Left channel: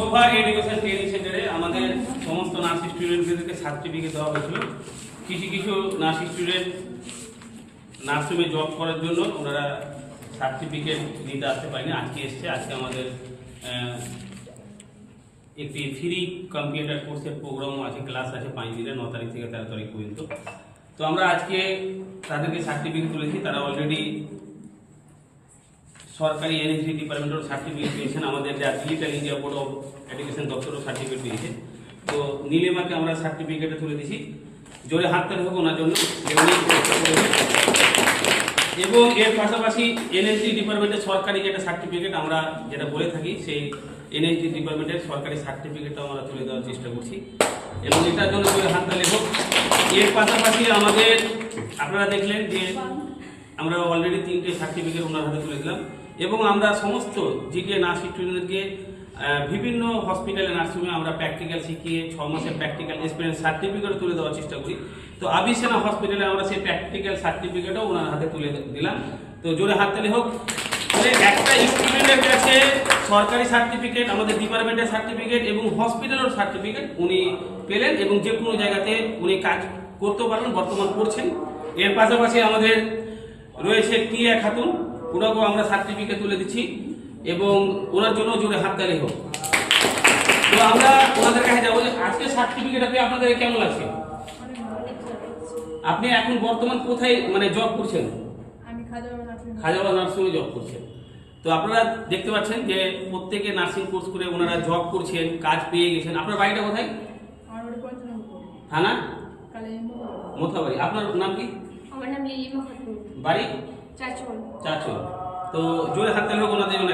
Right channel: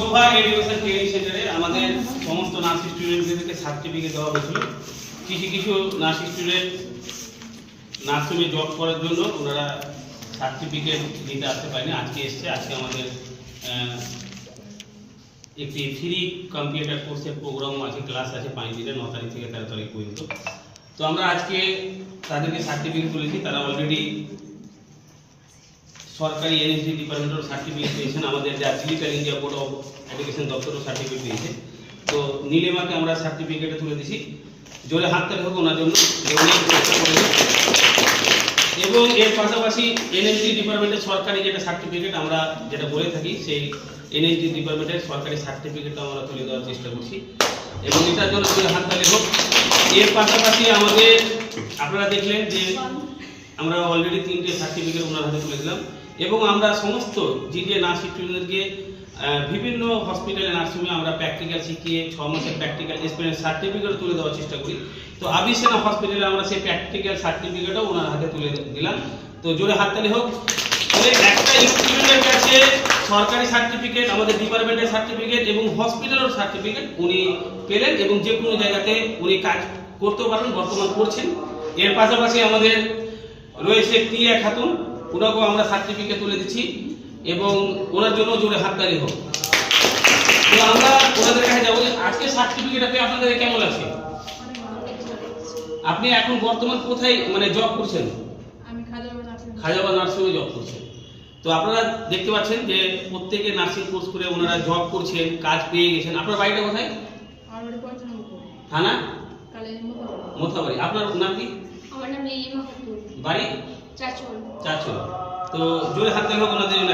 শোভা education training সেন্টারে আমাদের সমস্ত নার্সিং স্টুডেন্টদেরকে সার্টিফিকেট দেওয়া হয়েছিল। কিছু কিছু নার্সিং স্টুডেন্ট নার্সিংয়ে জব করার জন্য ওনারা সার্টিফিকেট দিতে আসতে পারেনি, আজকে এসছে। আজকে আমাদের একটি ফ্রি কম্পিউটার কোর্সের প্রোগ্রাম আছে, ক্লাস আছে 5 দিনের, 9 তারিখ থেকে 13 তারিখ পর্যন্ত। তো আমরা আজকে তাদেরকে সার্টিফিকেট তুলেছি। তারা অলরেডি সরকারি এনএসডি ডিপার্টমেন্টের সার্টিফিকেট পেয়েছেন, আমাদের digital India board of education দপ্তরও সার্টিফিকেট পেয়েছে। তো নীলিমাকে আমরা সার্টিফিকেটে তুলে দিছি। জোরে হাততালি হোক ওনার জন্য, উনি চেষ্টা করেছেন। এবং এর পাশাপাশি এনএসডি ডিপার্টমেন্টের সরকারি যেটা সার্টিফিকেট আমরা যেটা বলে থাকি, সেই এনএসডি ডিপার্টমেন্টের সরকারি সার্টিফিকেটও আমরা তুলে দেওয়ার চেষ্টা করছি, এবং এটার জন্য জোরে হাততালি হোক। এর পাশাপাশি আমাদের আপনারা দেখলেন যে আমরা অলরেডি 3টে সার্টিফিকেট ওনার হাতে তুলে দিলাম, এবং আমরা সমস্ত জিডিএ নার্সিং স্টুডেন্টদেরকে বিভিন্ন হসপিটালে নার্সিংয়ে আমরা প্র্যাকটিক্যাল শিখিয়ে 6 মাসের প্র্যাকটিক্যাল এক্সপিরিয়েন্স সার্টিফিকেট তুলে দেওয়ার চেষ্টা করি। তো আবিসেনা হসপিটালে আমরা সেই প্র্যাকটিক্যাল সার্টিফিকেটও ওনার হাতে তুলে দিলাম। তো জোরে হাততালি হোক। তাহলে একটা স্টুডেন্টের কাছে সরকারি সার্টিফিকেট, আমাদের ডিপার্টমেন্টের সার্টিফিকেট এবং হসপিটালের সার্টিফিকেট উনি পেলেন, এবং যে কোনো জায়গাতে উনি কাজ করতে পারবেন, বর্তমান করছেন। এর পাশাপাশি আমাদের রয়েছে টিয়া খাতুন, ওনাকেও আমরা সার্টিফিকেট তুলে দিচ্ছি, এবং ওনার জন্য জোরে হাততালি হোক। তো আমরা ওনাদের কাছে যাবো যে আজকে সার্টিফিকেট পেয়ে আপনাদের কেমন লাগছে? আপনি এখন বর্তমান কোথায় মানে জব করছেন? আমি খাজাবাদ নার্সিংয়ে জব করছেন। তো আপনারা দেখতে পাচ্ছেন যে প্রত্যেকে নার্সিং কোর্স করে ওনারা জব করছেন, কাজ পেয়ে গেছেন। আপনার বাড়িটা কোথায়? থানা মোথাবাড়ি। আপনার নাম কি? আমার নাম নীলিমা খাতুন। বাড়ি? চাচল। চাচল। তো জোরে হাততালি হোক ওনাদের জন্য।